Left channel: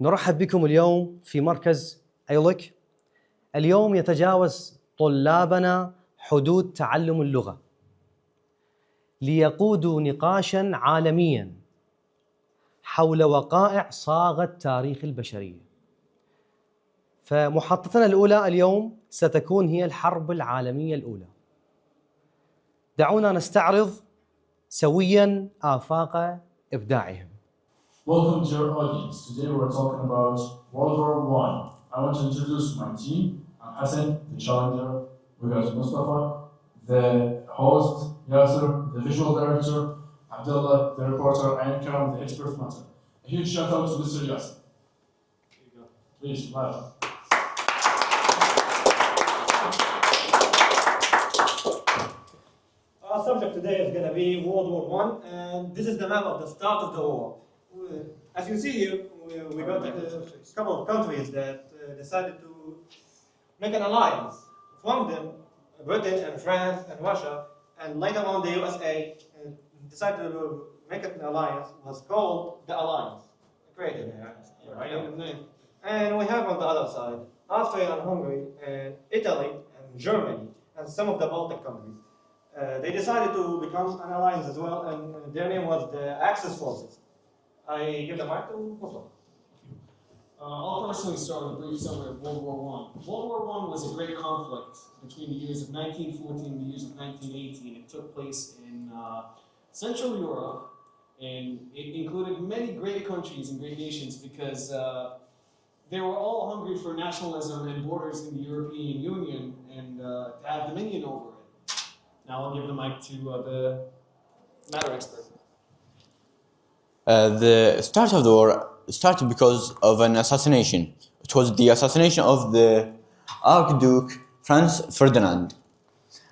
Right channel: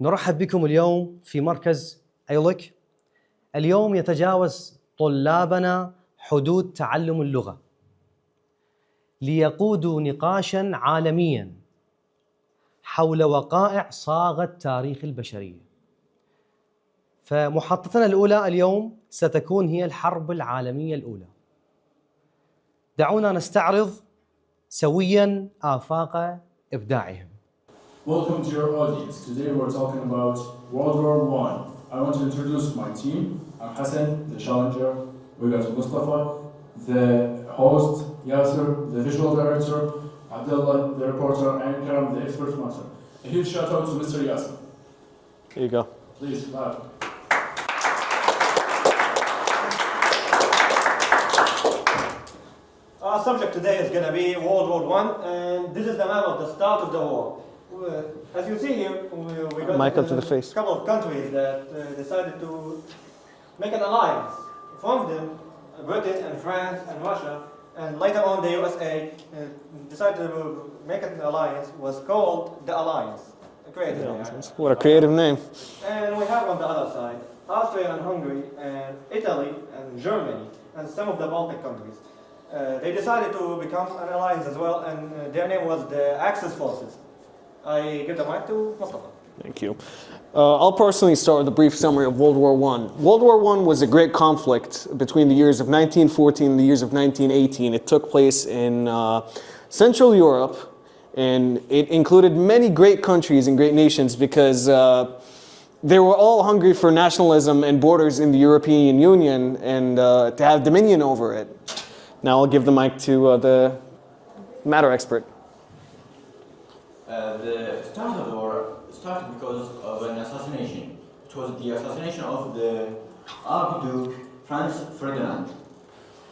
نرحب بكم اليوم في مركز أيلك. اليوم يتجاوز طلابنا حدود تعلم اللغة ليقودوا نقاشاً عالمياً حول وقائع صاغت تاريخ البشرية. فمحطتنا الأولى اليوم ستكون هي الحرب العالمية الأولى. دعونا نستعرض سوياً آفاق إبداعهم. Welcome to your audience. Today we're talking about World War I. I want to introduce my team. I'm Hassan, the challenger. We got Mustafa, the host, Yasser, the visual director, Abdullah, the reporter, and Karam, the expert matter. A huge shout out to Mr. Yasser. Here you go. Please, loud. Our subject today is going to be World War I, and this is the map of the start of the war. As you see here, we got Mic up to the face. a couple of countries that decided to make an alliance. One of them, Britain and France and Russia, and later on the USA decided to make an alliance, was called the Alliance. A creative name. What a creative name. And we have on the other side, Austria and Hungary, and Italy and Germany, and some of the Baltic countries. They decided to become an alliance as well, and their name was the Axis Forces. I give the mic to Mustafa. Thank you. I'll personally start with a brief summary of World War I. World War I was a great conflict between the years of 1914 and the years of 1918. It took place in Central Europe, and it included many great countries and great nations because they were all hungry for nationalism and borders in the European Union and to have dominion over it. Now I'll give the mic to the matter expert. The start of the war started because of an assassination. It was the assassination of the Archduke Franz Ferdinand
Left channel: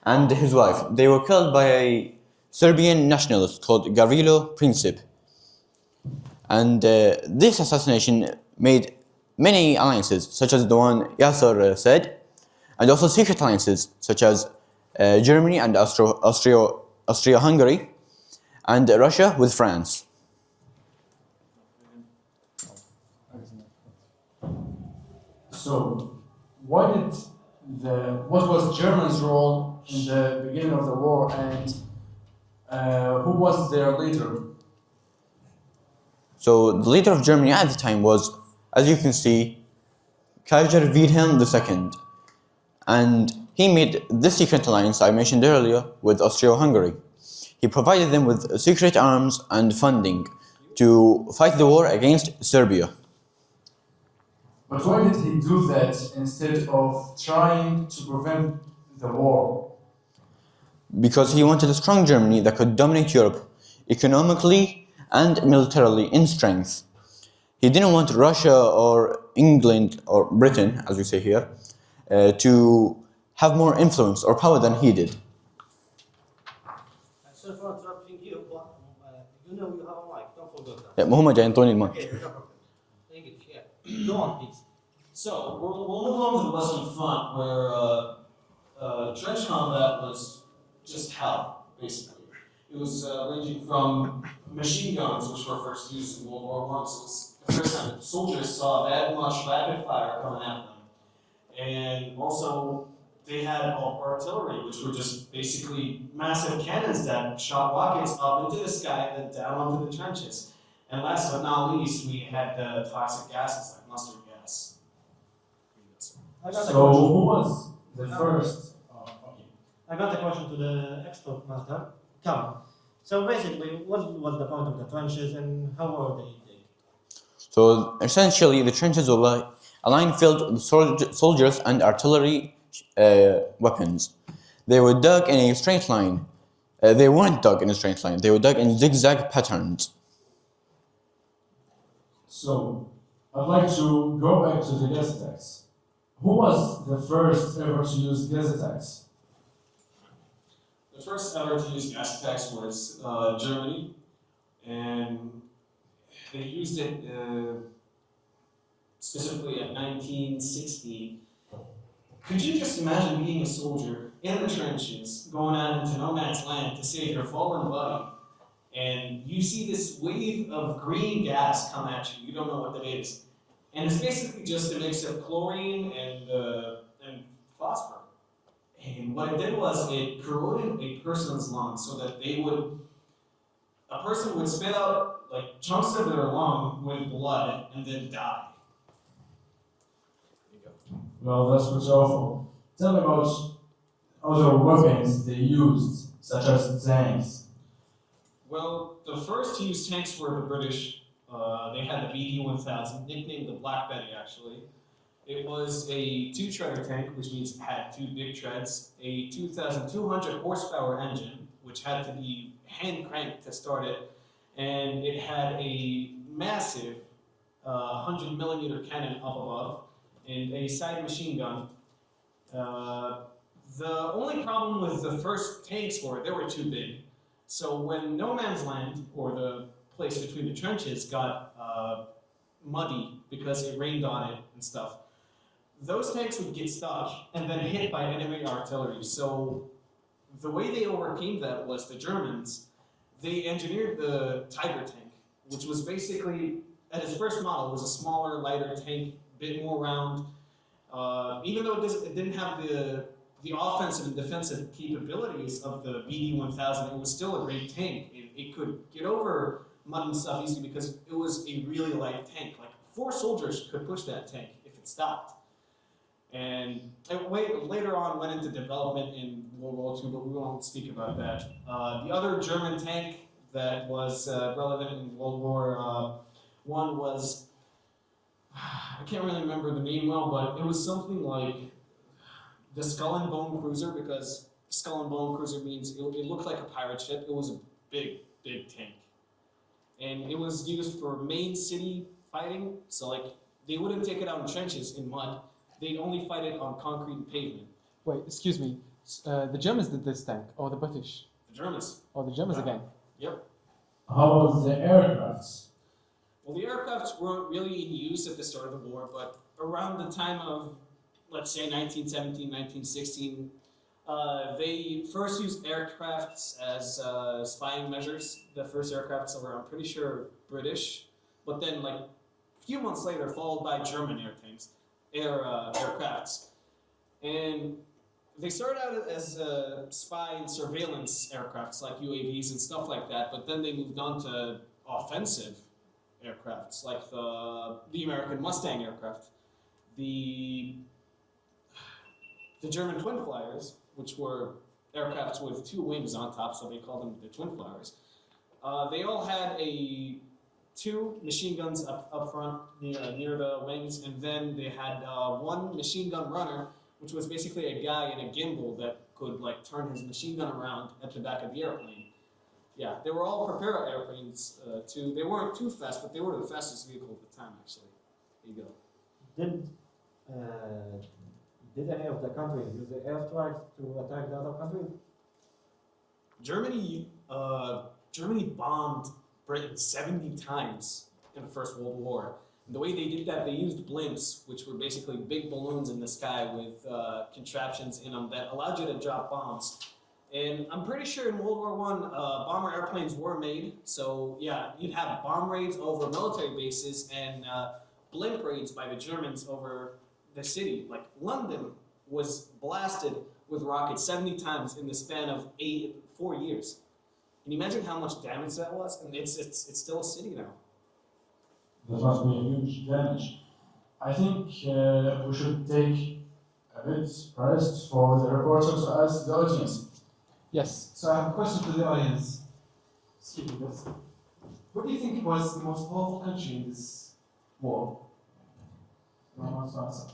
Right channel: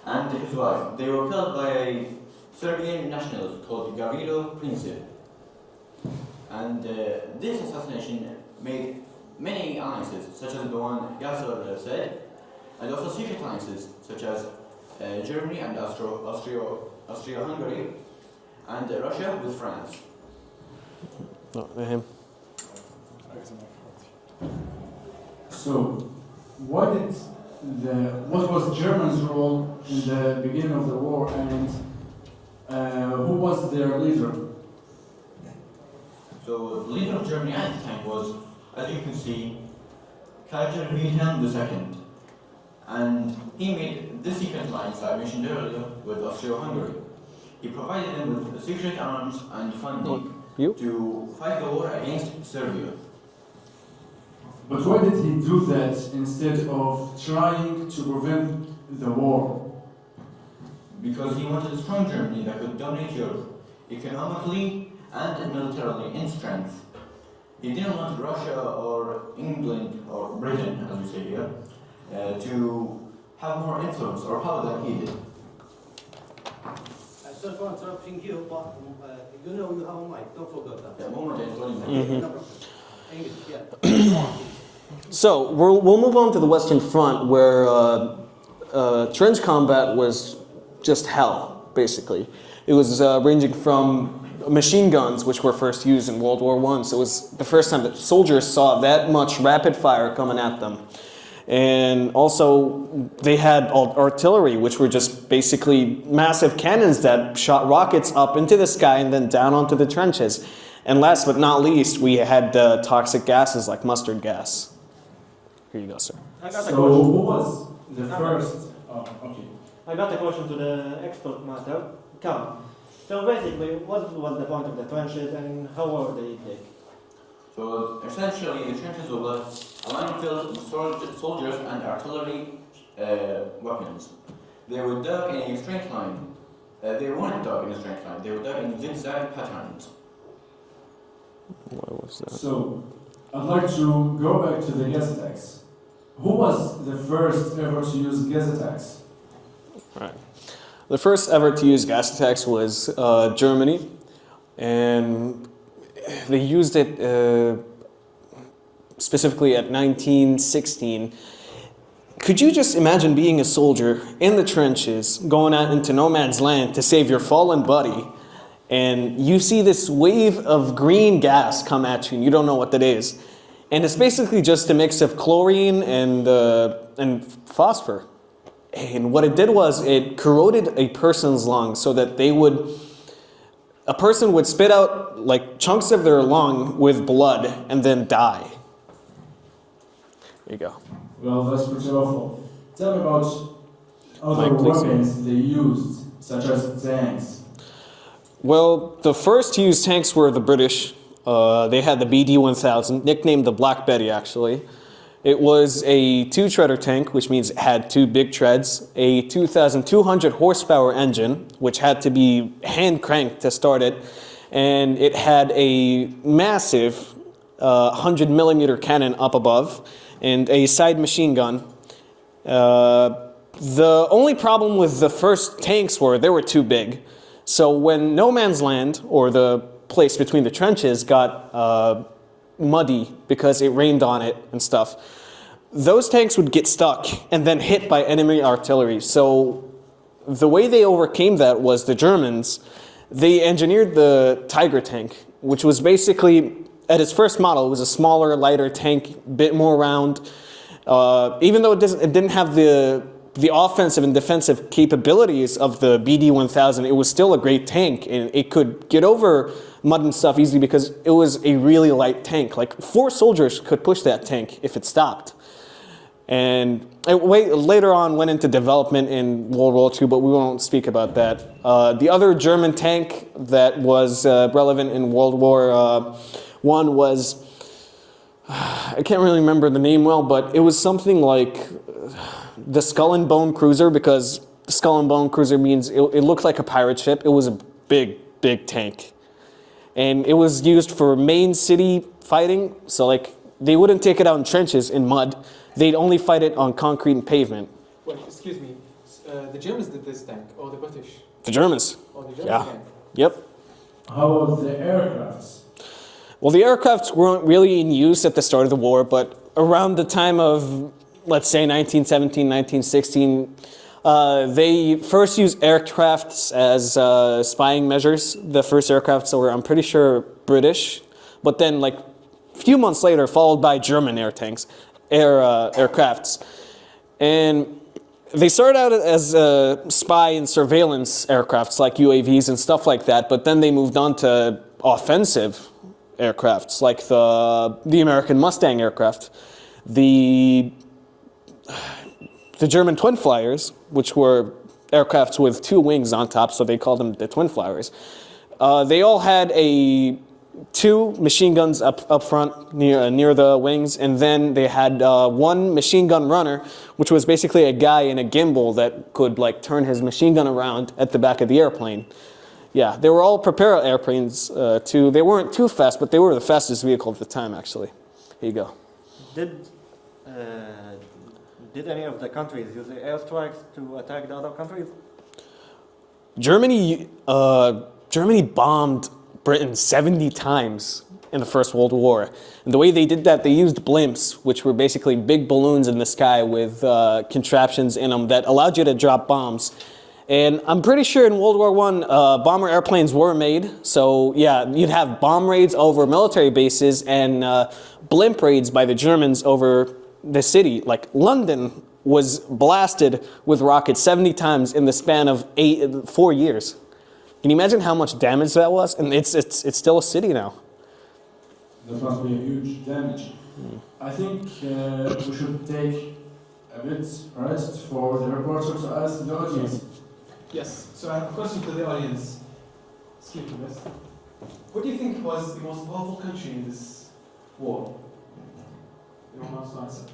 and his wife. They were killed by a Serbian nationalist called Gavrilo Princip. And this assassination made many alliances, such as the one Yasser said, and also secret alliances, such as Germany and Austria-Hungary, and Russia with France. So, what was Germany's role in the beginning of the war, and who was their leader? So the leader of Germany at the time was, as you can see, Kaiser Wilhelm II. And he made this secret alliance I mentioned earlier with Austria-Hungary. He provided them with secret arms and funding to fight the war against Serbia. But why did he do that instead of trying to prevent the war? Because he wanted a strong Germany that could dominate Europe economically and militarily in strength. He didn't want Russia or England or Britain, as we say here, to have more influence or power than he did. Sorry for interrupting you, but you know you have a mic, don't forget that. Yeah, هم جايين يعطوني المايك. So we'll move on to the Western Front, where trench combat was just hell, basically. It was ranging from machine guns, which were first used in World War I. So it was the first time that soldiers saw that much rapid fire coming at them. And also they had artillery, which were just basically massive cannons that shot rockets up into the sky and then down onto the trenches. And last but not least, we had toxic gases like mustard gas. Here you go, sir. So who was the first? Oh, okay. I got a question to the expert master. Come. So basically, what was the point of the trenches and how were they dig? So essentially, the trenches were like a line filled with soldiers and artillery weapons. They were dug in a straight line. They weren't dug in a straight line. They were dug in zigzag patterns. What was that? So I'd like to go back to the gas attacks. Who was the first ever to use gas attacks? Right. The first ever to use gas attacks was Germany, and they used it specifically at 1916. Could you just imagine being a soldier in the trenches, going out into no man's land to save your fallen buddy, and you see this wave of green gas come at you and you don't know what that is. And it's basically just a mix of chlorine and phosphor. And what it did was it corroded a person's lungs so that a person would spit out like chunks of their lung with blood and then die. There you go. Well, that's pretty awful. Tell me about other weapons they used, such as tanks. Well, the first to use tanks were the British. They had the BD-1000, nicknamed the Black Betty, actually. It was a two-treader tank, which means it had two big treads, a 2,200 horsepower engine, which had to be hand-cranked to start it, and it had a massive 100 millimeter cannon up above, and a side machine gun. The only problem with the first tanks were they were too big. So when no man's land, or the place between the trenches, got muddy because it rained on it and stuff, those tanks would get stuck and then hit by enemy artillery. So the way they overcame that was the Germans, they engineered the Tiger tank, which was basically, at its first model, it was a smaller, lighter tank, a bit more round. Even though it didn't have the offensive and defensive capabilities of the BD-1000, it was still a great tank, and it could get over mud and stuff easily because it was a really light tank. Like 4 soldiers could push that tank if it stopped. And it later on went into development in World War II, but we won't speak about that. The other German tank that was relevant in World War I was, I can't really remember the name well, but it was something like the Skull and Bone Cruiser, because Skull and Bone Cruiser means it looked like a pirate ship. It was a big, big tank. And it was used for main city fighting, so like they wouldn't take it out in trenches in mud. They'd only fight it on concrete and pavement. Wait, excuse me. The Germans did this tank, or the British? The Germans. Oh, the Germans Yeah. tank. Yep. How about the aircrafts? Well, the aircrafts weren't really in use at the start of the war, but around the time of, let's say, 1917, 1916, they first used aircrafts as spying measures. The first aircrafts were, I'm pretty sure, British, but then like a few months later, followed by German aircrafts. And they started out as spy and surveillance aircrafts like UAVs and stuff like that, but then they moved on to offensive aircrafts like the American Mustang aircraft, the German twin flyers, which were aircrafts with 2 wings on top, so they called them the twin flyers. They all had 2 machine guns up front near the wings, and then they had 1 machine gun runner, which was basically a guy in a gimbal that could like turn his machine gun around at the back of the airplane. Yeah, they were all propeller airplanes too. They weren't too fast, but they were the fastest vehicle at the time, actually. Here you go. Did any of the countries use the airstrikes to attack the other countries? Germany bombed Britain 70 times in the First World War. And the way they did that, they used blimps, which were basically big balloons in the sky with contraptions in them that allowed you to drop bombs. And I'm pretty sure in World War I, bomber airplanes were made. So yeah, you'd have bomb raids over military bases and blimp raids by the Germans over the city. Like London was blasted with rockets 70 times in the span of 4 years. Can you imagine how much damage that was? And it's still a city now. That must be a huge damage. I think we should take a bit rest for the reporter to ask the audience. Yes. So I have a question to the audience. Excuse me, this. What do you think was the most powerful country in this war? Anyone wants to answer?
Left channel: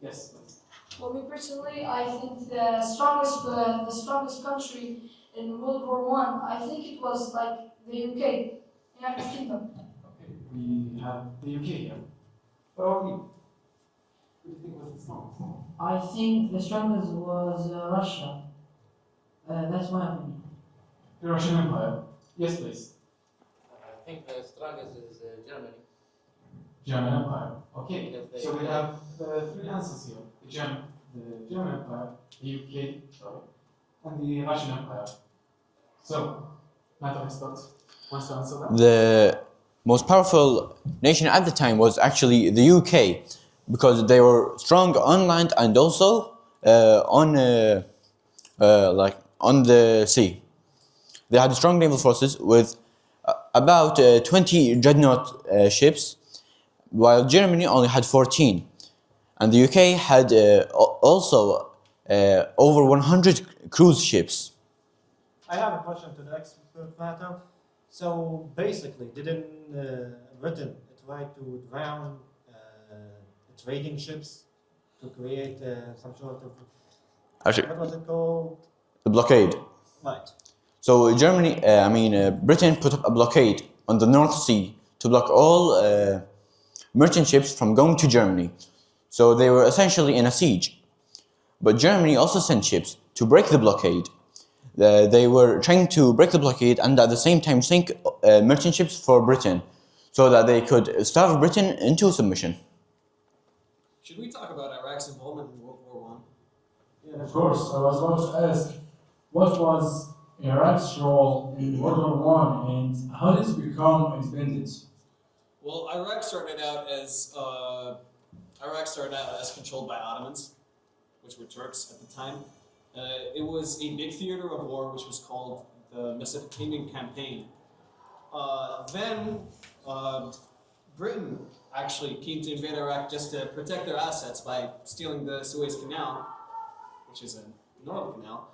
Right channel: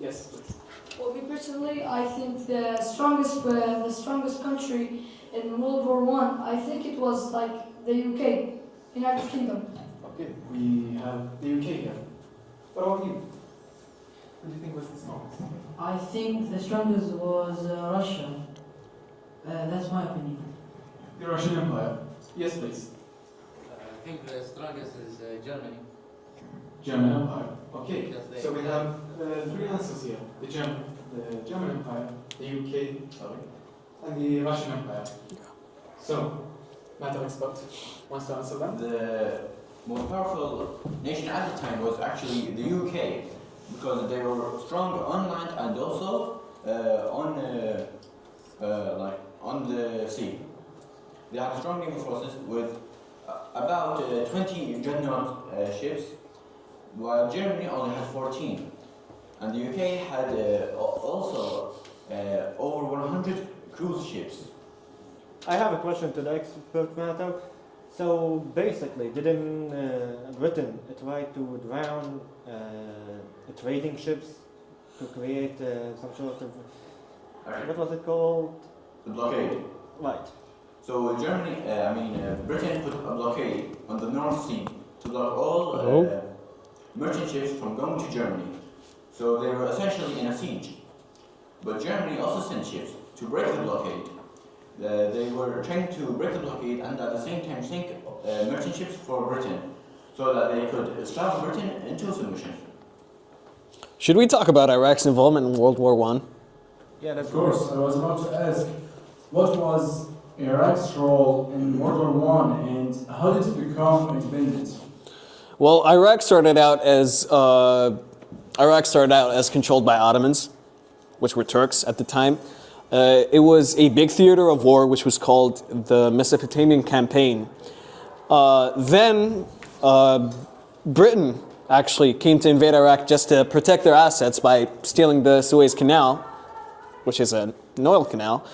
Yes, please. Well, me personally, I think the strongest country in World War I think it was like the UK, United Kingdom. Okay, we have the UK here. What about you? What do you think was the strongest? I think the strongest was Russia. That's my opinion. The Russian Empire. Yes, please. I think the strongest is Germany. German Empire. Okay, Because they so we have 3 answers here. The German Empire, the UK, and the Russian Empire. So, matter expert wants to answer that? most powerful nation at the time was actually the UK, because they were strong on land and also on the sea. They had strong naval forces with about 20 dreadnought ships, while Germany only had 14. And the UK had also over 100 cruise ships. I have a question to the expert matter. So basically, didn't Britain try to drown trading ships to create some sort of, Actually, what was it called? the blockade. Right. So Britain put up a blockade on the North Sea to block all merchant ships from going to Germany. So they were essentially in a siege. But Germany also sent ships to break the blockade. They were trying to break the blockade and at the same time sink merchant ships for Britain, so that they could starve Britain into submission. Should we talk about Iraq's involvement in World War I? Yeah, that's Of course, I was about to ask, what was Iraq's role in World War I and how did it become independent? Well, Iraq started out as controlled by Ottomans, which were Turks at the time. It was a big theater of war, which was called the Mesopotamian Campaign. Then Britain actually came to invade Iraq just to protect their assets by stealing the Suez Canal, which is an oil canal.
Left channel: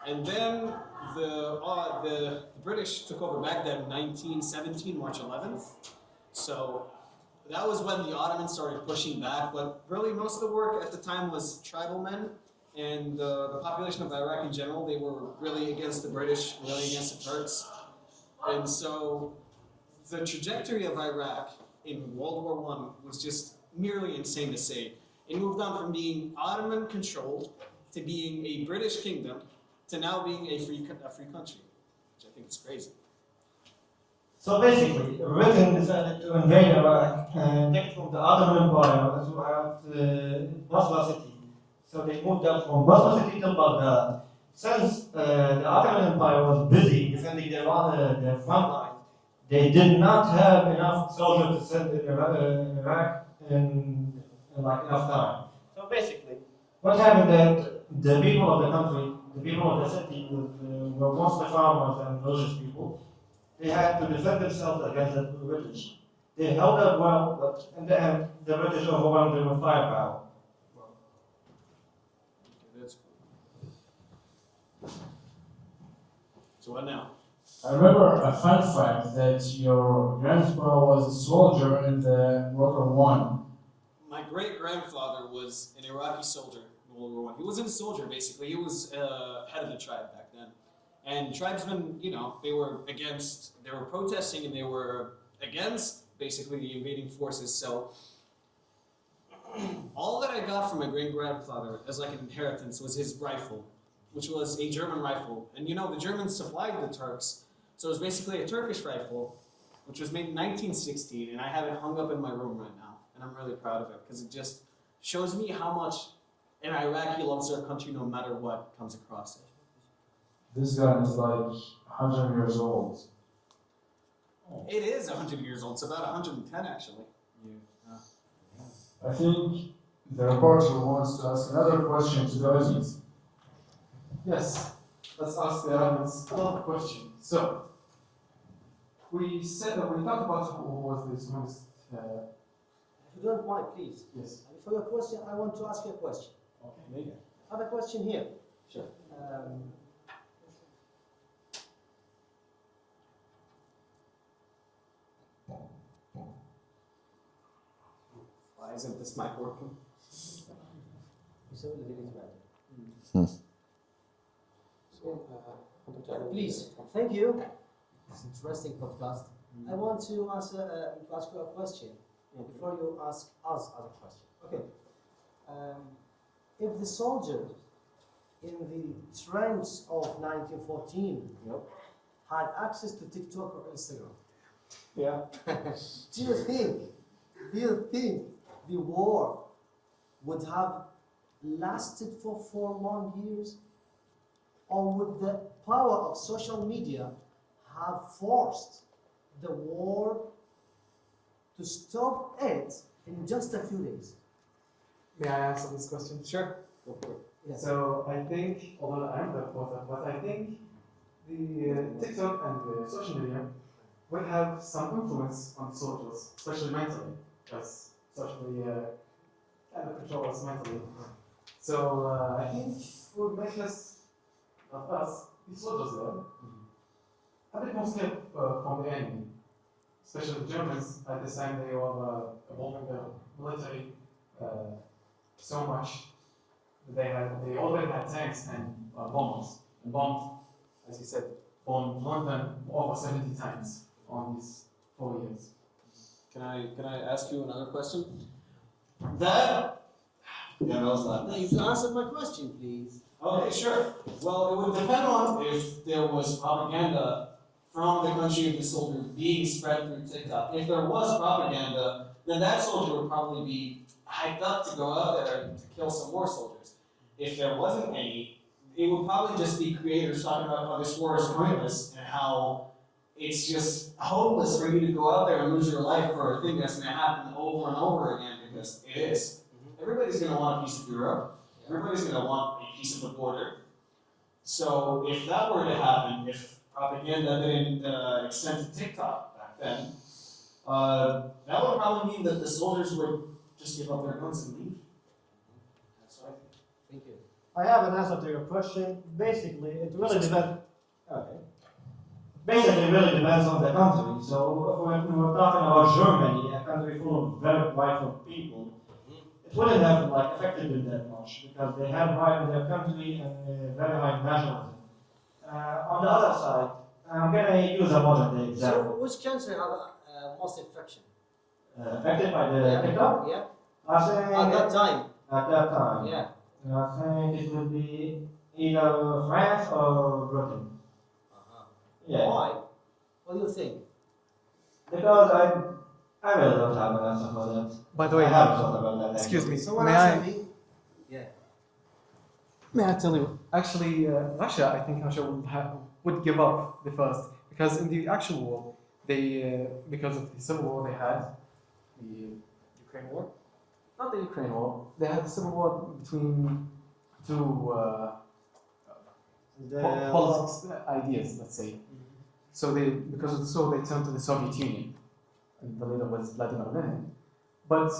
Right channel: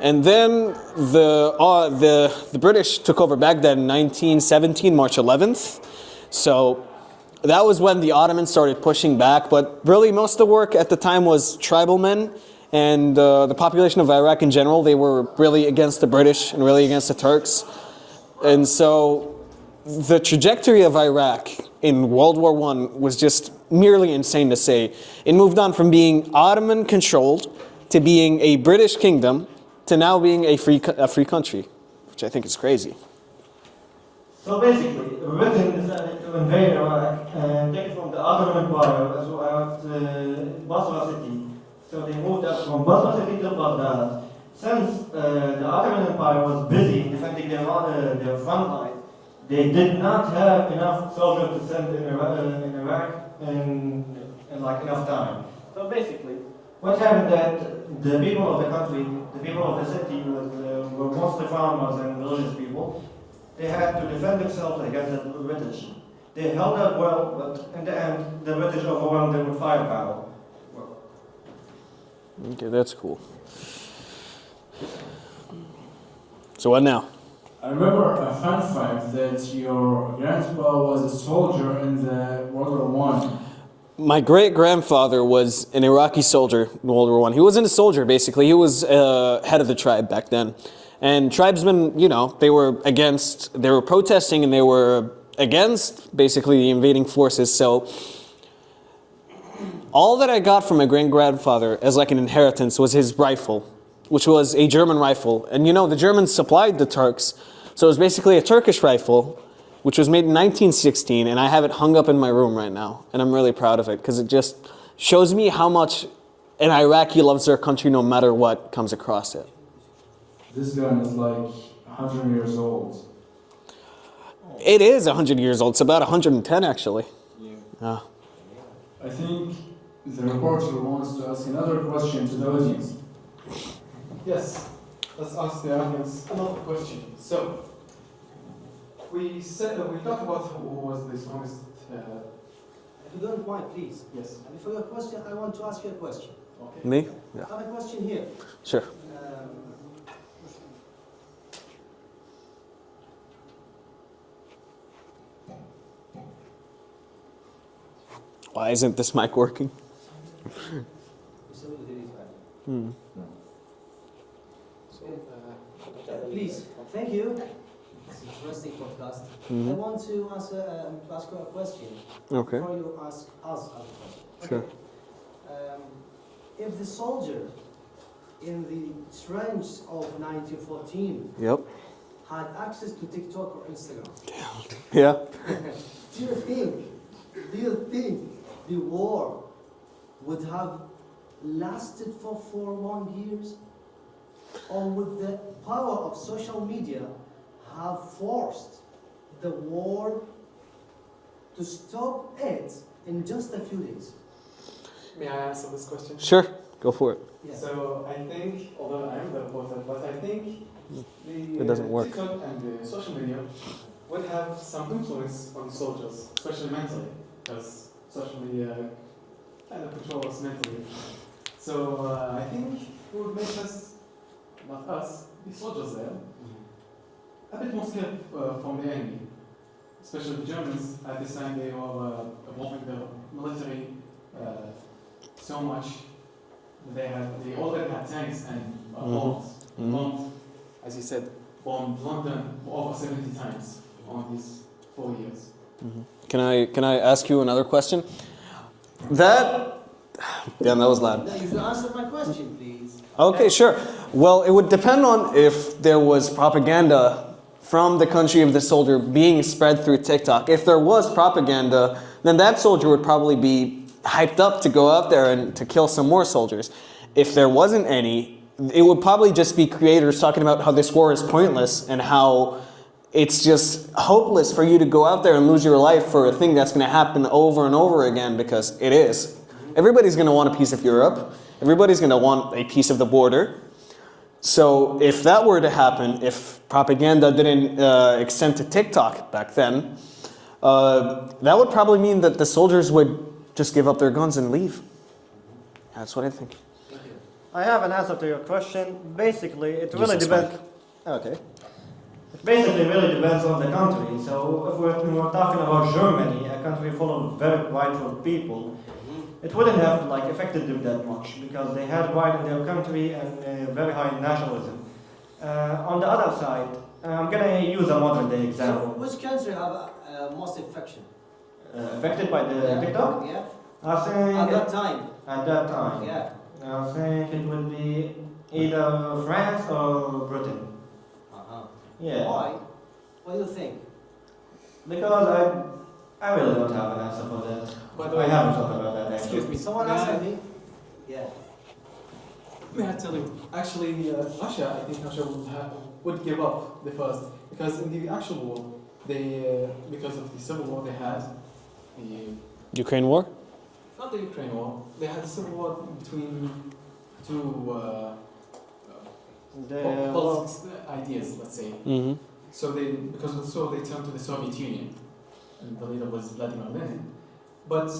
And then the British took over Baghdad in 1917, March 11th. So that was when the Ottomans started pushing back. But really, most of the work at the time was tribal men. And the population of Iraq in general, they were really against the British and really against the Turks. And so the trajectory of Iraq in World War I was just merely insane to say. It moved on from being Ottoman-controlled to being a British kingdom to now being a free country, which I think is crazy. So basically, Britain decided to invade Iraq and take it from the Ottoman Empire as well as Basra city. So they moved up from Basra city to Baghdad. Since the Ottoman Empire was busy defending their front line, they did not have enough soldiers to send in Iraq in like enough time. So basically, what happened that the people of the country, the people of the city were mostly farmers and religious people. They had to defend themselves against the British. They held up well, but in the end, the British overwhelmed them with firepower. Okay, that's cool. So what now? I remember a fun fact that your grandpa was a soldier in the World War I. My great-grandfather was an Iraqi soldier in World War I. He wasn't a soldier, basically. He was head of the tribe back then. And tribesmen, they were protesting and they were against, basically, the invading forces. So all that I got from my great-grandfather as like an inheritance was his rifle, which was a German rifle. And the Germans supplied the Turks. So it was basically a Turkish rifle, which was made in 1916, and I have it hung up in my room right now. And I'm really proud of it, because it just shows me how much an Iraqi loves their country no matter what comes across it. This gun is like 100 years old. It is 100 years old. It's about 110, actually. Yeah. I think the reporter wants to ask another question to the audience. Yes, let's ask the audience another question. So, we talked about who was the strongest. If you don't mind, please. Yes. Before your question, I want to ask you a question. Okay. Me? Yeah. I have a question here. Sure. Why isn't this mic working? Please, thank you. It's an interesting podcast. I want to ask you a question. Okay. Before you ask us a question. Sure. If the soldier in the trench of 1914 Yep. had access to TikTok or Instagram, Yeah. do you think the war would have lasted for 4 long years? Or would the power of social media have forced the war to stop it in just a few days? May I answer this question? Sure, go for it. Yeah. So I think, although I am the reporter, but I think the It doesn't work. TikTok and the social media would have some influence on the soldiers, especially mentally, because social media kind of control us mentally. So I think it would make us, not us, the soldiers there, a bit more scared from the enemy. Especially the Germans, at this time they were evolving their military so much. They already had tanks and bombs. Bombed, as you said, bombed London over 70 times on these 4 years. Can I ask you another question? That was loud. Now, you answer my question, please. Okay, sure. Well, it would depend on if there was propaganda from the country of the soldier being spread through TikTok. If there was propaganda, then that soldier would probably be hyped up to go out there and to kill some more soldiers. If there wasn't any, it would probably just be creators talking about how this war is pointless and how it's just hopeless for you to go out there and lose your life for a thing that's going to happen over and over again, because it is. Everybody's going to want a piece of Europe. Everybody's going to want a piece of the border. So if that were to happen, if propaganda didn't extend to TikTok back then, that would probably mean that the soldiers would just give up their guns and leave. That's what I think. I have an answer to your question. Basically, it really this depends. Okay. It basically really depends on the country. So if we're talking about Germany, a country full of very prideful people, it wouldn't have affected them that much because they had pride in their country and very high nationalism. On the other side, I'm gonna use a modern day So, example. which country have most infection? Affected by the TikTok? Yeah. I think At that time. At that time. Yeah. I think it would be either France or Britain. Yeah. Why? What do you think? Because I really don't have an answer for that. By the way, I haven't thought about that. excuse me, Someone may answer I, me? Yeah. may I tell you? Actually, Russia, I think Russia would give up the first, because in the actual war, they because of the civil war they had, the Ukraine war? not the Ukraine war, they had a civil war between two politics ideas, let's say. Mm-hmm. So because of the so they turned to the Soviet Union, and the leader was Vladimir Lenin. But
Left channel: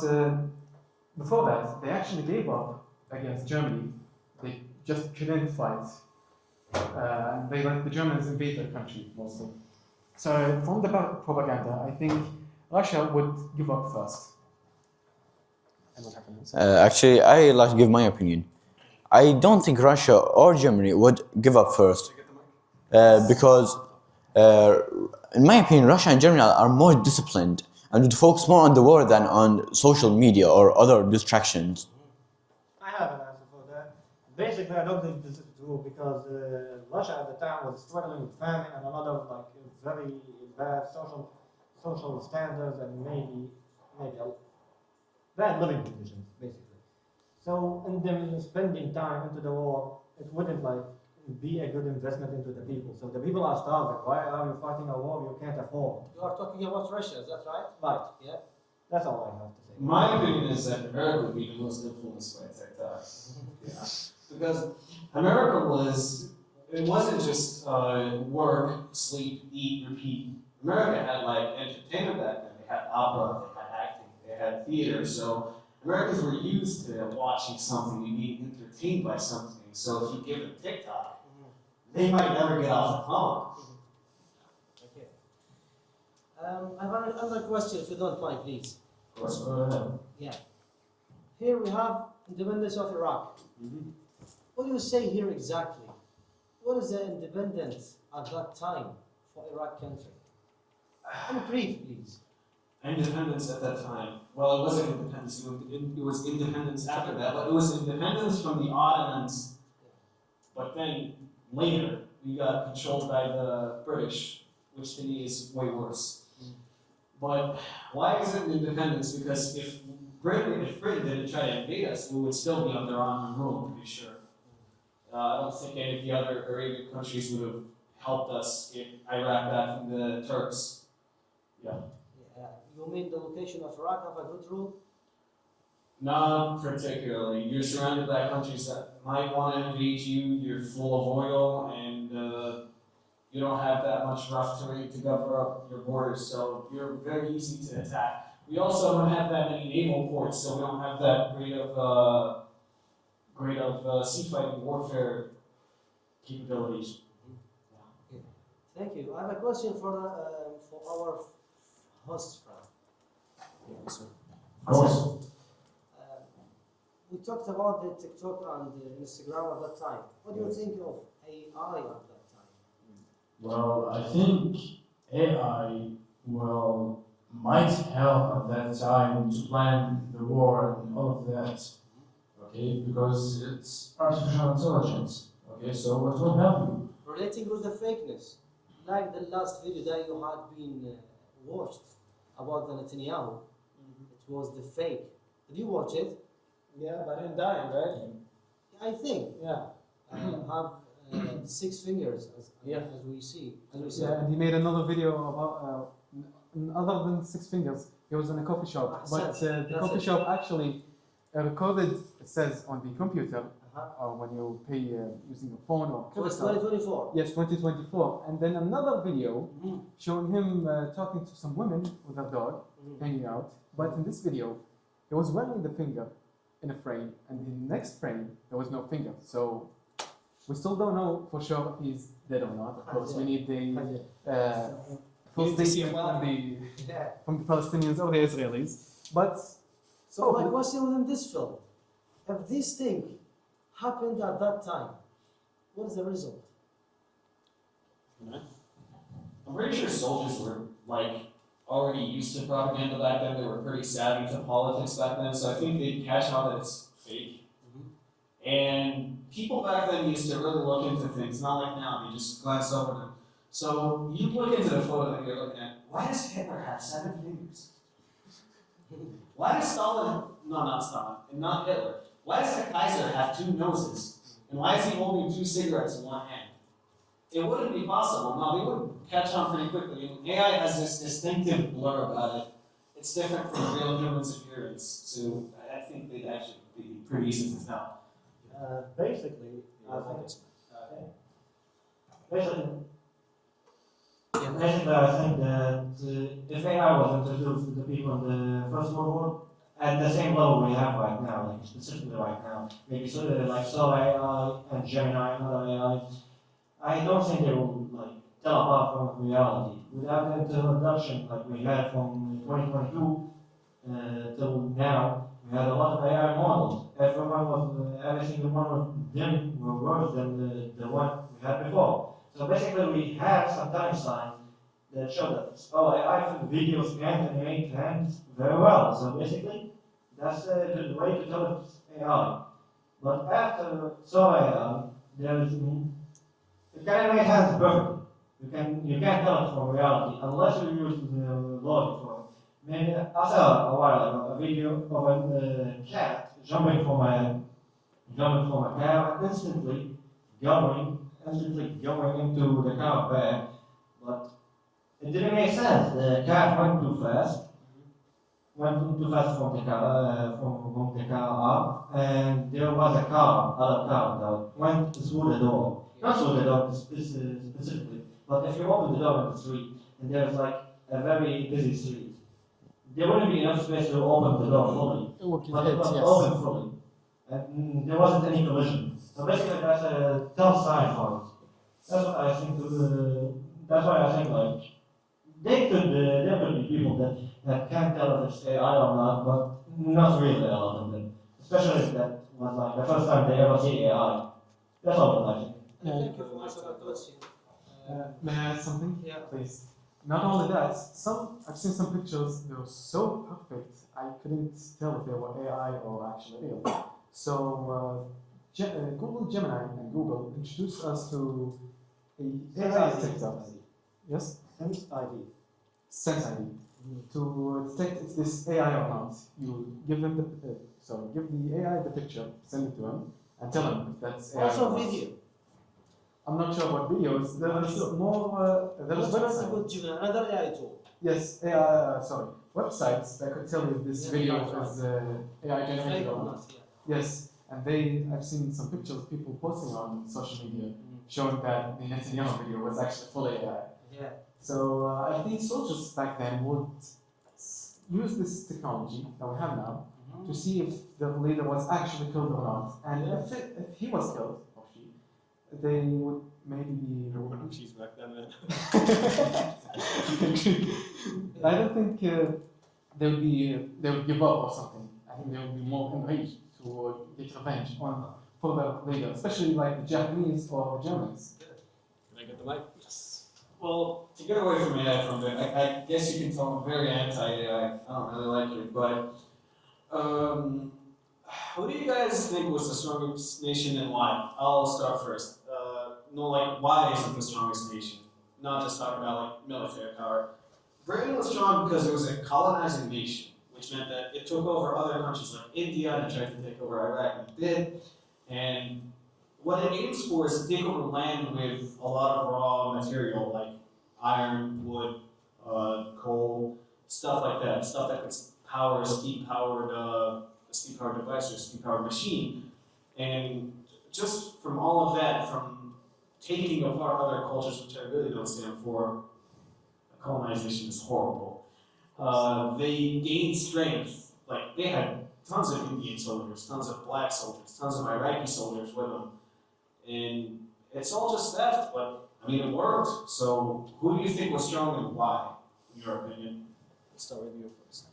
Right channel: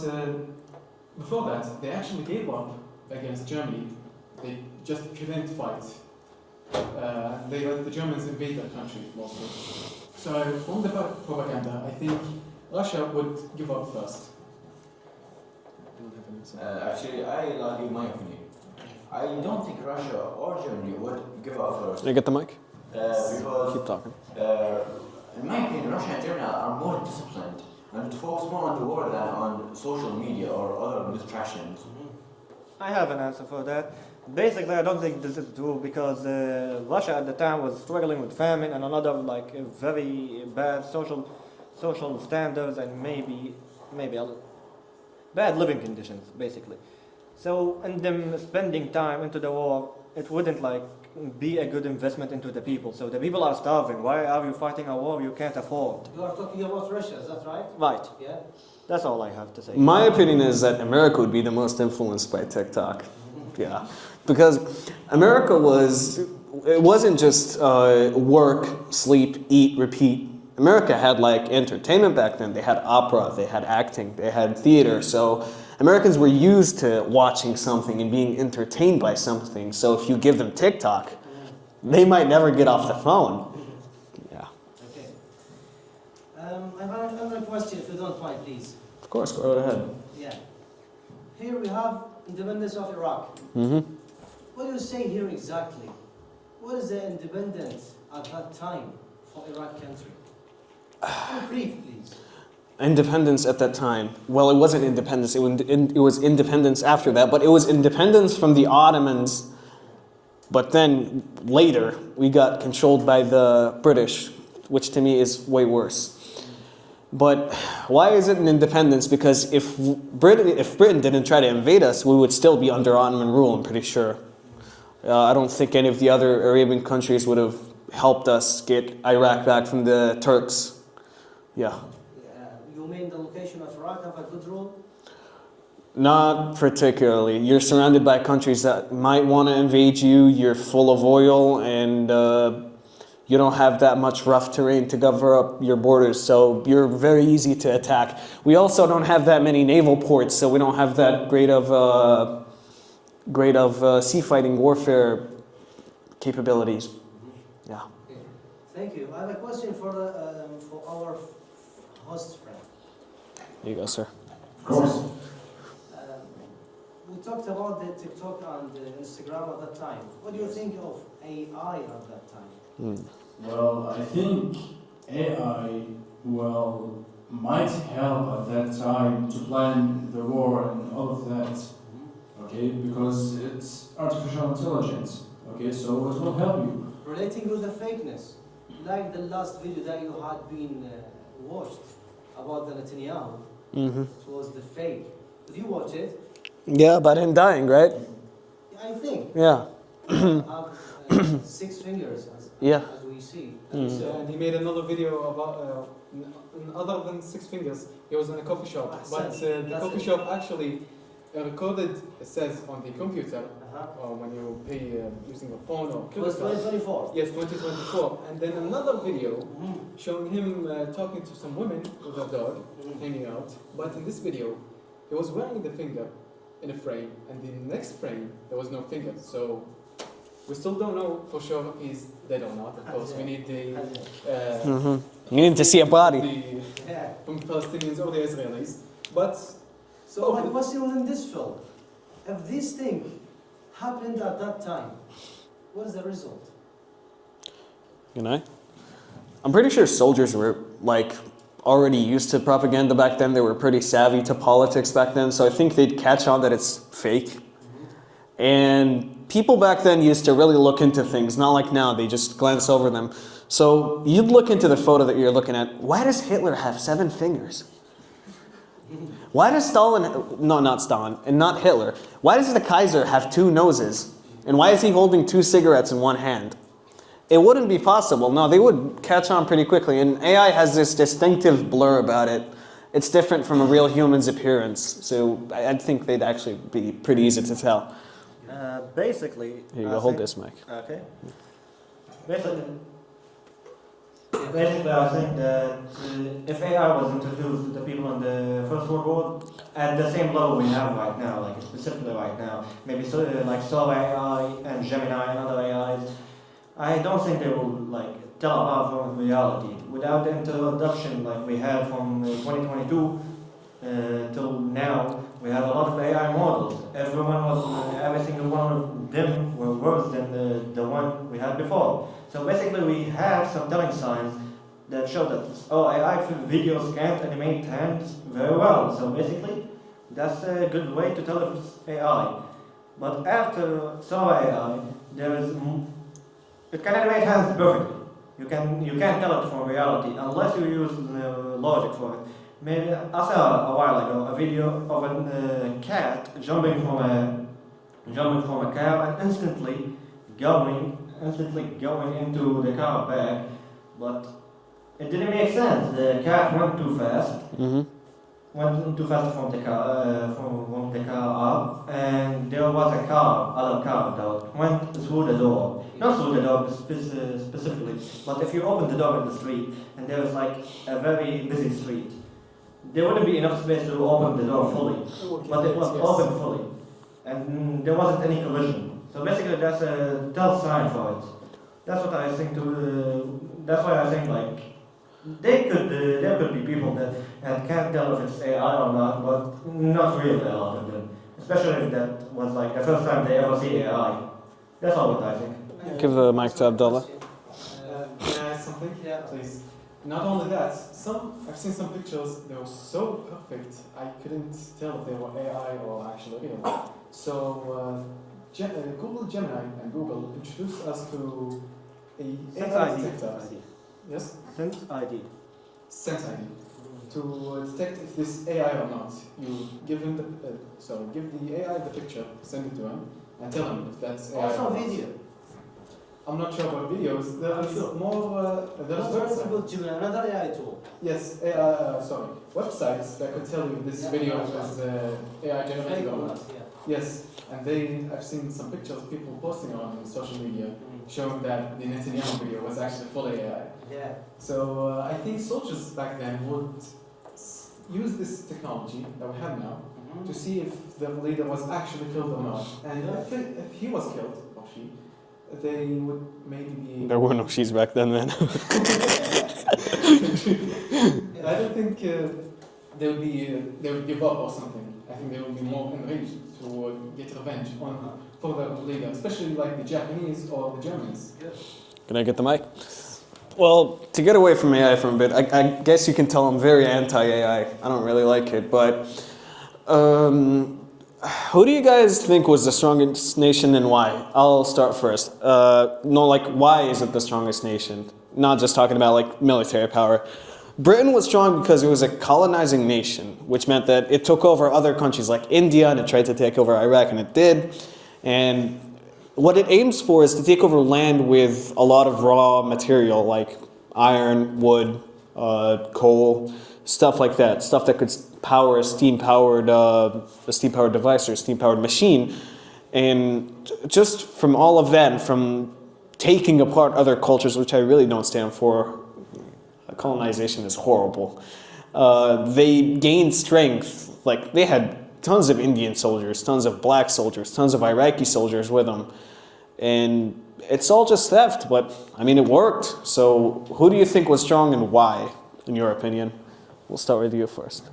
before that, they actually gave up against Germany. They just couldn't fight. They let the Germans invade their country mostly. So from the propaganda, I think Russia would give up first. Actually, I like to give my opinion. I don't think Russia or Germany would give up first. Can you get the mic? Because, Keep talking. in my opinion, Russia and Germany are more disciplined and would focus more on the war than on social media or other distractions. I have an answer for that. Basically, I don't think this is true because Russia at the time was struggling with famine and another very bad social standards and maybe bad living conditions, basically. So, in them spending time into the war, it wouldn't be a good investment into the people. So the people are starving. Why are you fighting a war you can't afford? You are talking about Russia, is that right? Right. Yeah. That's all I have to say. My opinion is that America would be the most influenced by TikTok. Yeah. Because America wasn't just work, sleep, eat, repeat. America had entertainment back then. They had opera, they had acting, they had theater. So Americans were used to watching something and being entertained by something. So if you give them TikTok, they might never get off the phone. Yeah. Okay. I have another question, if you don't mind, please. Of course, go right ahead. Yeah. Here we have independence of Iraq. Mm-hmm. What do you say here exactly? What is the independence at that time for Iraq country? In brief, please. Independence at that time. Well, it wasn't independence. It was independence after that, but it was independence from the Ottomans. But then later, we got controlled by the British, which to me is way worse. But why is it an independence? Because if Britain didn't try to invade us, we would still be under Ottoman rule, I'm pretty sure. I don't think any of the other Arabian countries would have helped us get Iraq back from the Turks. Yeah. you mean the location of Iraq have a good rule? Not particularly. You're surrounded by countries that might want to invade you. You're full of oil, and you don't have that much rough terrain to cover up your borders, so you're very easy to attack. We also don't have that many naval ports, so we don't have that great of sea fighting warfare capabilities. Yeah. Thank you. I have a question for our host friend. Here you go, sir. Of course. We talked about the TikTok and Instagram at that time. What do you think of AI at that time? Well, I think AI might help at that time to plan the war and all of that. Okay, because it's artificial intelligence. Okay, so it will help you. Relating to the fakeness, like the last video that you had been watched about the Netanyahu, it was the fake. Did you watch it? Yeah, about him dying, right? I think. Yeah. Have 6 fingers, as we see. Yeah, and he made another video about, other than 6 fingers, he was in a coffee shop. But the coffee shop actually recorded, it says on the computer, when you pay using a phone or It was 2024. Yes, 2024. And then another video showing him talking to some women with a dog, hanging out. But in this video, he was wearing the finger in a frame, and in the next frame, there was no finger. So we still don't know for sure if he's dead or not. Of course, we need the... You need to see a body. From the Palestinians or the Israelis. But... So my question in this film, if this thing happened at that time, what is the result? You know? I'm pretty sure soldiers were already used to propaganda back then. They were pretty savvy to politics back then, so I think they'd catch on that it's fake. And people back then used to really look into things, not like now, they just glance over them. So you'd look into the photo that you're looking at. Why does Hitler have 7 fingers? Why does not Stalin, and not Hitler, why does the Kaiser have 2 noses? And why is he holding 2 cigarettes in one hand? It wouldn't be possible. No, they would catch on pretty quickly. And AI has this distinctive blur about it. It's different from a real human's appearance. So I think they'd actually be pretty easy to tell. Basically... Here you go, hold this mic. Okay. Basically, I think that if AI was introduced to the people in the First World War, at the same level we have right now, like specifically right now, maybe like Solar AI and Gemini and other AIs, I don't think they will tell apart from reality. Without the introduction like we had from 2022 till now, we had a lot of AI models. Every single one of them were worse than the one we had before. So basically we had some telling signs that showed that, AI for videos can't animate hands very well. So basically, that's a good way to tell if it's AI. But after Solar AI, it can animate hands perfectly. You can't tell it from reality unless you use the logic for it. Maybe I saw a while ago a video of a cat jumping from a car and instantly going into the car back, but it didn't make sense. The cat went too fast. Went too fast from the car up, and there was other car that went through the door. Not through the door specifically, but if you open the door in the street, and there's a very busy street, there wouldn't be enough space to open the door fully, but it was open fully, and there wasn't any collision. So basically, that's a tell sign for it. That's what I think. That's why I think there could be people that can't tell if it's AI or not, but not really a lot of them. Especially if that was the first time they ever see AI. That's all what I think. Give the mic to Abdullah. Can I add something? Yeah, please. Not only that, I've seen some pictures. They were so perfect, I couldn't tell if they were AI or actually real. So. Google Gemini and Google introduced us to a AI detector. Yes? Sense ID. Sense ID. To detect if this AI or not. You give him give the AI the picture, send it to him, and tell him if that's AI. Also video. I'm not sure about videos. There's more. There's another AI tool. Yes. websites that could tell you this video is AI generated or not. Yes, and I've seen some pictures of people posting on social media showing that the Netanyahu video was actually fully AI. Yeah. So I think soldiers back then would use this technology that we have now to see if the leader was actually killed or not. And if he was killed, or she, they would maybe be... There were no she's back then, man. I don't think they would give up or something. I think they would be more enraged to get revenge for the leader, especially like the Japanese or the Germans. Can I get the mic? Well, to get away from AI for a bit, I guess you can tell I'm very anti-AI. I don't really like it, but who do you guys think was the strongest nation and why? I'll start first. Why is it the strongest nation? Not just talking about like military power. Britain was strong because it was a colonizing nation, which meant that it took over other countries like India, and it tried to take over Iraq, and it did. And what it aims for is to take over land with a lot of raw material like iron, wood, coal, stuff like that. Stuff that could power a steam-powered device or a steam-powered machine. And just from all of that, from taking apart other cultures, which I really don't stand for, colonization is horrible. They gained strength. Like, they had tons of Indian soldiers, tons of black soldiers, tons of Iraqi soldiers with them. And it's all just theft, but I mean, it worked. So who do you think was strong and why, in your opinion? We'll start with you first.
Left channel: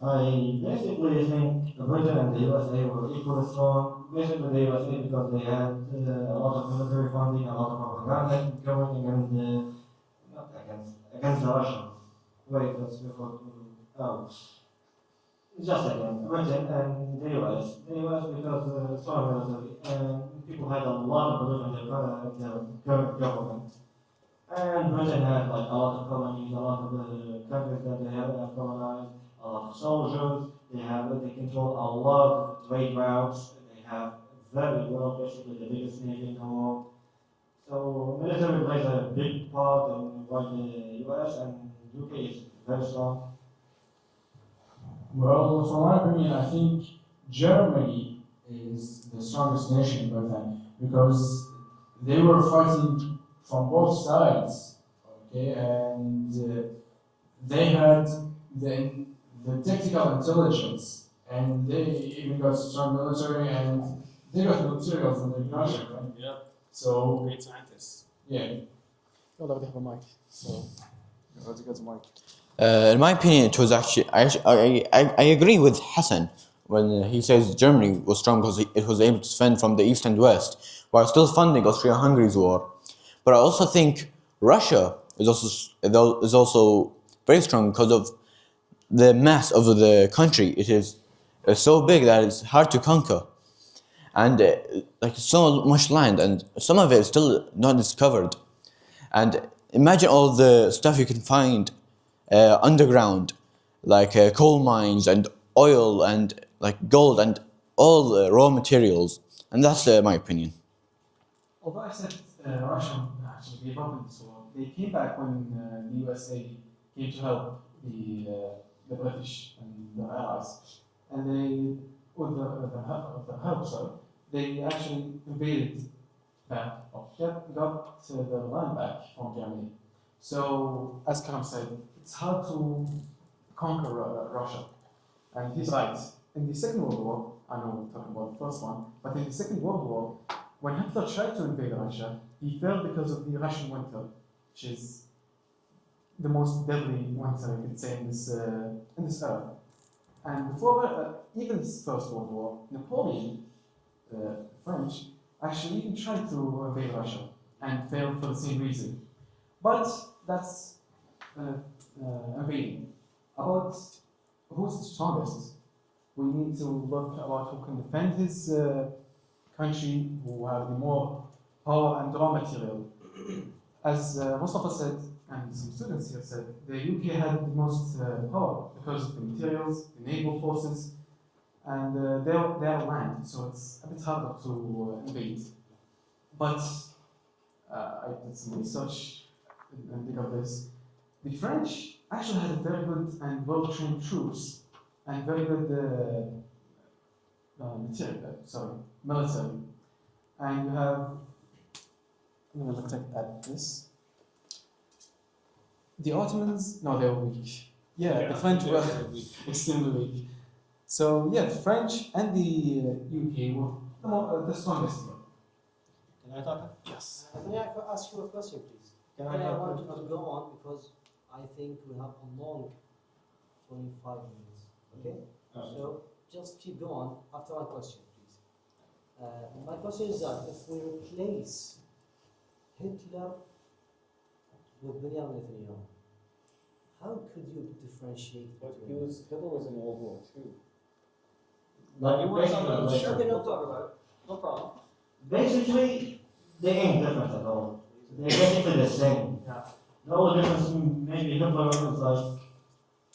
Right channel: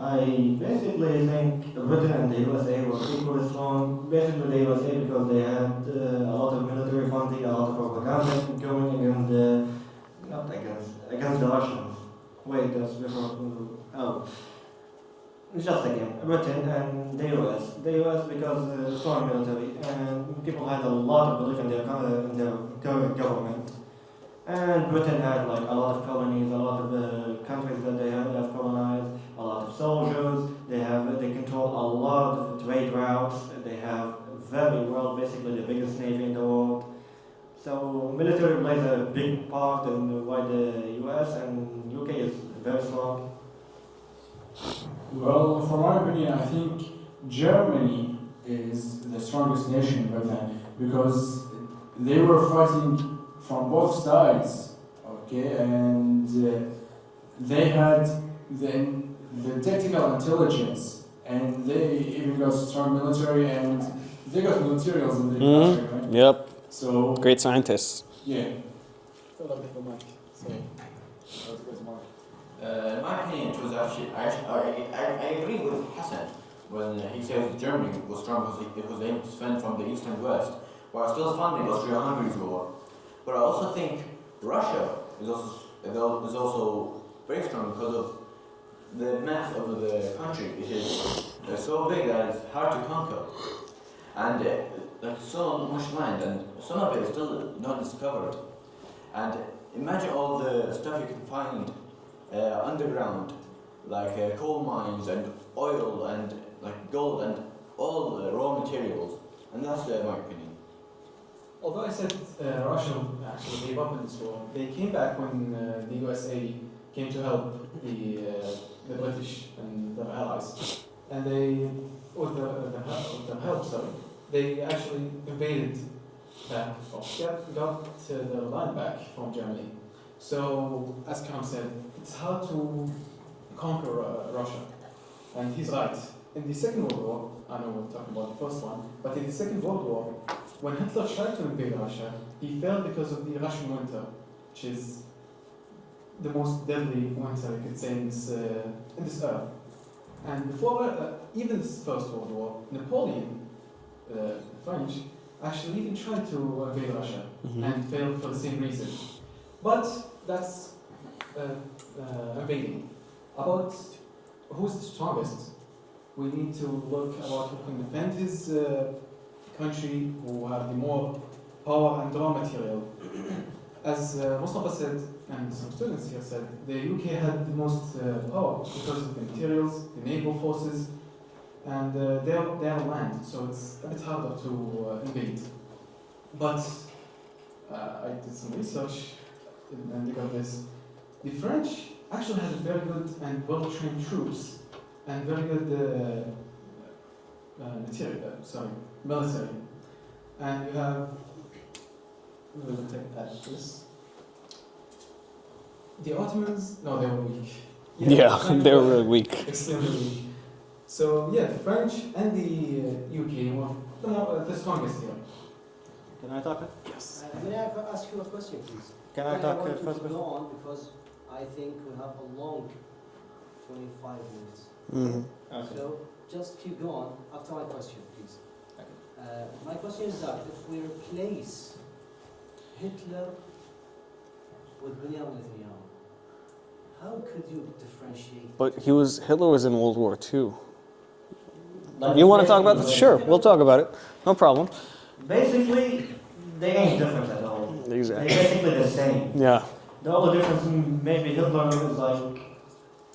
I basically think Britain and the USA were equally strong. Basically the USA because they had a lot of military funding, a lot of propaganda going against the Russians. Wait, that's before. Oh. Just again, Britain and the US. The US because strong military and people had a lot of belief in their current government. And Britain had like a lot of colonies, a lot of countries that they have colonized, a lot of soldiers. They control a lot of trade routes. They have basically the biggest navy in the world. So military plays a big part in why the US and UK is very strong. Well, for my opinion, I think Germany is the strongest nation back then because they were fighting from both sides, okay, and they had the tactical intelligence, and they even got strong military, and they got the materials in their country, right? Yep. So great scientists. yeah. In my opinion, it was actually, I agree with Hassan when he says Germany was strong because it was able to defend from the east and west while still funding Austria-Hungary's war. But I also think Russia is also very strong because of the mass of the country. It is so big that it's hard to conquer, and like so much land, and some of it is still not discovered. And imagine all the stuff you can find underground, like coal mines and oil and like gold and all the raw materials. And that's my opinion. Although I said Russia actually gave up in this war, they came back when the USA came to help the British and their allies, and they, with their help, they actually invaded back, got the land back from Germany. So, as Karam said, it's hard to conquer Russia, and he's right. In the Second World War, I know we're talking about the first one, but in the Second World War, when Hitler tried to invade Russia, he failed because of the Russian winter, which is the most deadly winter we could say in this earth. And before even this First World War, Napoleon, the French, actually even tried to invade Russia and failed for the same reason. But that's invading. About who's the strongest, we need to look about who can defend his country, who have the more power and raw material. As Mustafa said, and some students here said, the UK had the most power because of the materials, the naval forces, and their land, so it's a bit harder to invade. But I did some research and dig up this. The French actually has a very good and well-trained troops and very good military. And you have, let me look at this. The Ottomans, no, they were weak. Yeah, French they were were really weak. extremely weak. So yeah, the French and the UK were the strongest here. Can I talk? Yes. May I ask you a question, please? Can I I talk want you first? to go on because I think we have a long 25 minutes. Mm-hmm. So just keep going after my question, please. My question is that if we replace Hitler with Benjamin Netanyahu, how could you differentiate? But Hitler was in World War II. You want to talk about this? Sure, we'll talk about it. No problem. Basically, they ain't different at all. Exactly. They're basically the same. Yeah. The only difference maybe Hitler is like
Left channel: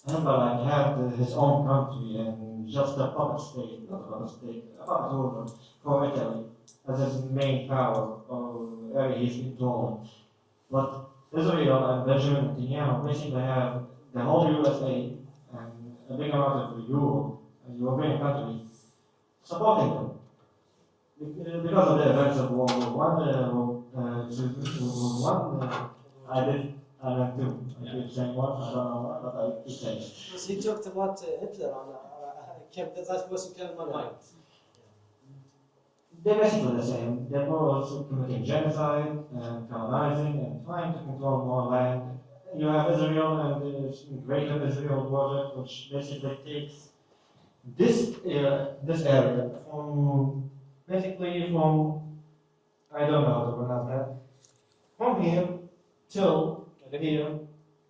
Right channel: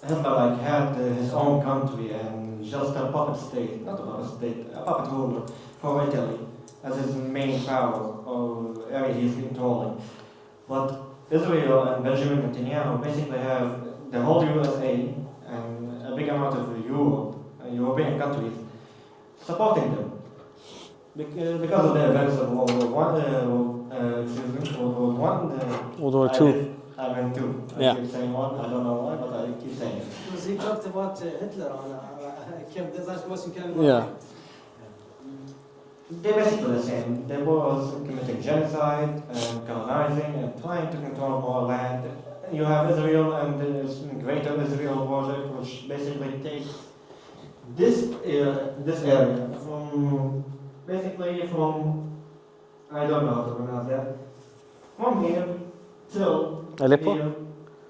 Hitler had his own country and just a puppet state, not a puppet state, a puppet ruler for Italy as his main power or area he's controlling. But Israel and Benjamin Netanyahu basically have the whole USA and a big amount of Europe, European countries supporting them. Because of the events of World War World War II. I meant two. Yeah. I keep saying one, I don't know why, but I keep saying it. Because he talked about Hitler on that question came to my Yeah. mind. They're basically the same. They were also committing genocide and colonizing and trying to control more land. You have Israel and this Greater Israel project, which basically takes this area from I don't know how to pronounce that, from here till Aleppo? here,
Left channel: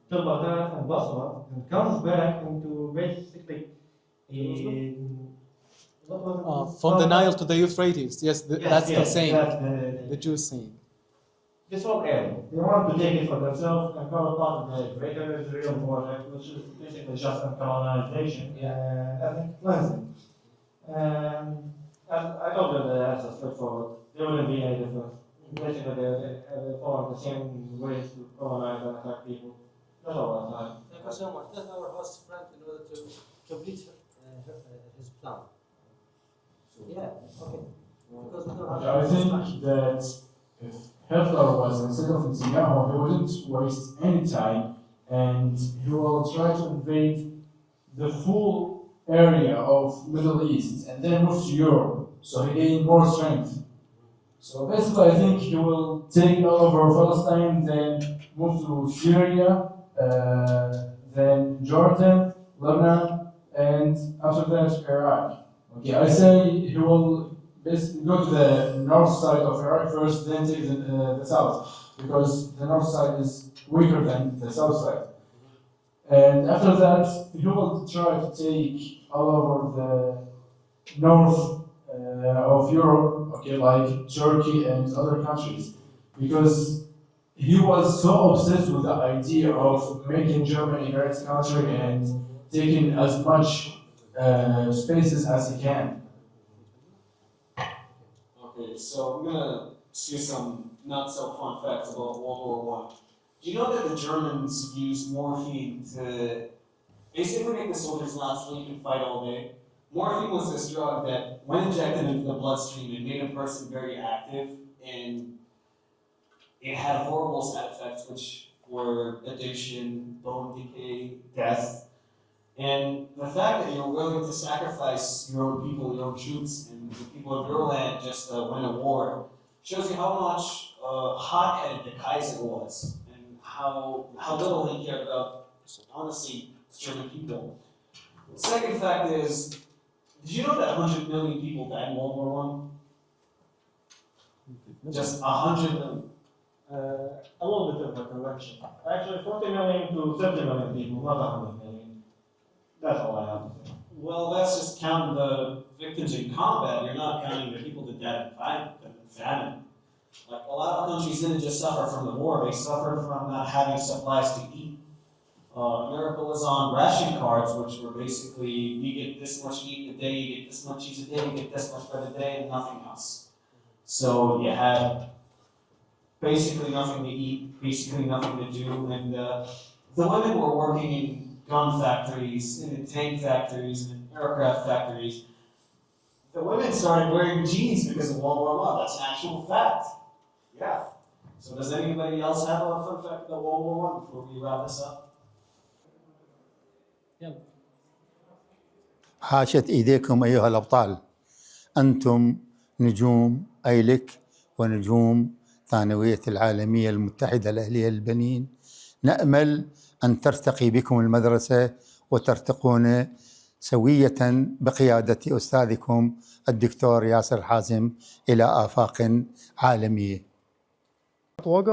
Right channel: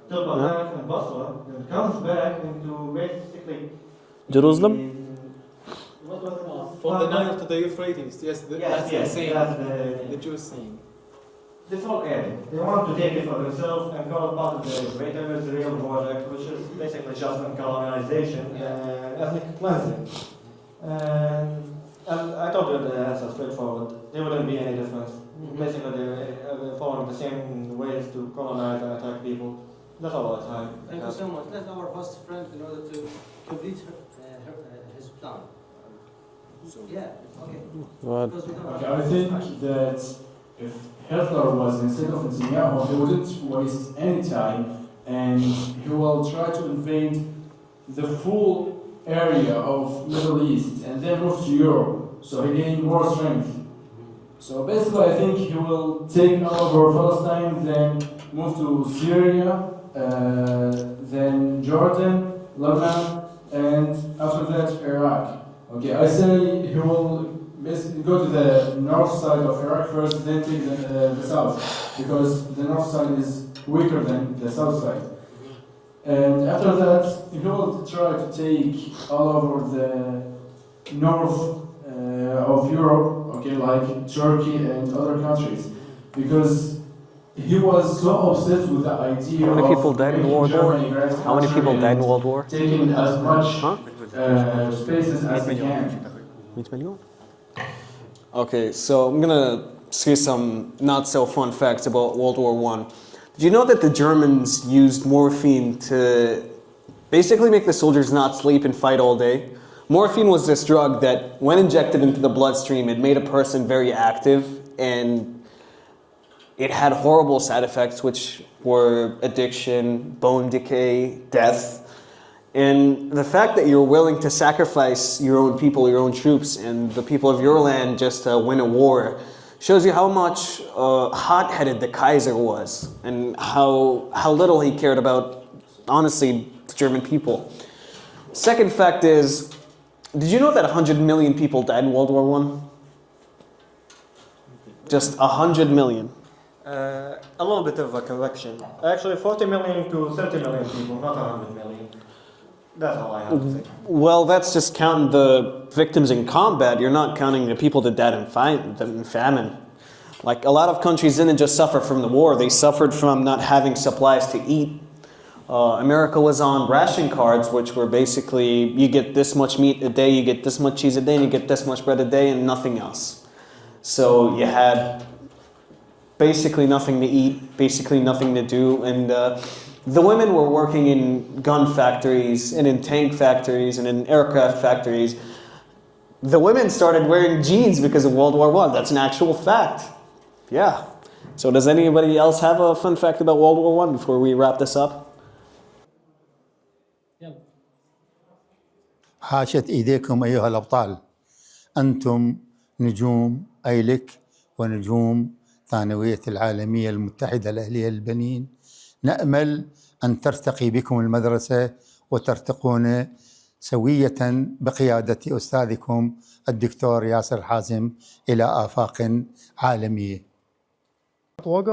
till Baghdad and Basra, and comes back into basically Jerusalem? What was it? From the Nile to the Euphrates, yes, that's the saying, That's the Jewish saying. this whole area. They want to take it for themselves and call it part of the Greater Israel project, which is basically just a colonization and ethnic cleansing. And I told you the answer straightforward. There wouldn't be any difference. Basically, they're following the same ways to colonize and attack people. That's all I have. Thank you so much. Let our host friend in order to complete his plan. Yeah, okay. What? Because we don't Okay, have I think that if Hitler was instead of Netanyahu, he wouldn't waste any time and he will try to invade the full area of Middle East and then move to Europe. So he gained more strength. So basically I think he will take over Palestine, then move to Syria, then Jordan, Lebanon, and after that Iraq. Okay, I say he will basically go to the north side of Iraq first, then take the south, because the north side is weaker than the south side. And after that, he will try to take all over the north of Europe, okay, like Turkey and other countries, because he was so obsessed with the idea How many people of died in making World War? Germany great How many country people died in and World War? taking as much Huh? spaces as he can. 100 million? Okay, so I'm gonna say some not so fun facts about World War I. Did you know that the Germans used morphine to basically make the soldiers not sleep and fight all day? Morphine was this drug that, when injected into the bloodstream, it made a person very active, and it had horrible side effects, which were addiction, bone decay, death. And the fact that you're willing to sacrifice your own people, your own troops, and the people of your land just to win a war shows you how much hot-headed the Kaiser was, and how little he cared about, honestly, the German people. Second fact is, did you know that 100 million people died in World War I? Just 100 million. A little bit of a correction. Actually, 40 million to 30 million people, not 100 million. That's all I have to say. Well, that's just counting the victims in combat. You're not counting the people that died in famine. Like, a lot of countries didn't just suffer from the war. They suffered from not having supplies to eat. America was on ration cards, which were basically, you get this much meat a day, you get this much cheese a day, and you get this much bread a day, and nothing else. So you had basically nothing to eat, basically nothing to do, and the women were working in gun factories and in tank factories and in aircraft factories. The women started wearing jeans because of World War I. That's an actual fact. Yeah. So does anybody else have a fun fact about World War I before we wrap this up? حاشت إيديكم أيها الأبطال، أنتم نجوم أيلك ونجوم ثانوية العالمية المتحدة الأهلية للبنين. نأمل أن ترتقي بكم المدرسة وترتقون سوية بقيادة أستاذكم الدكتور ياسر حازم إلى آفاق عالمية.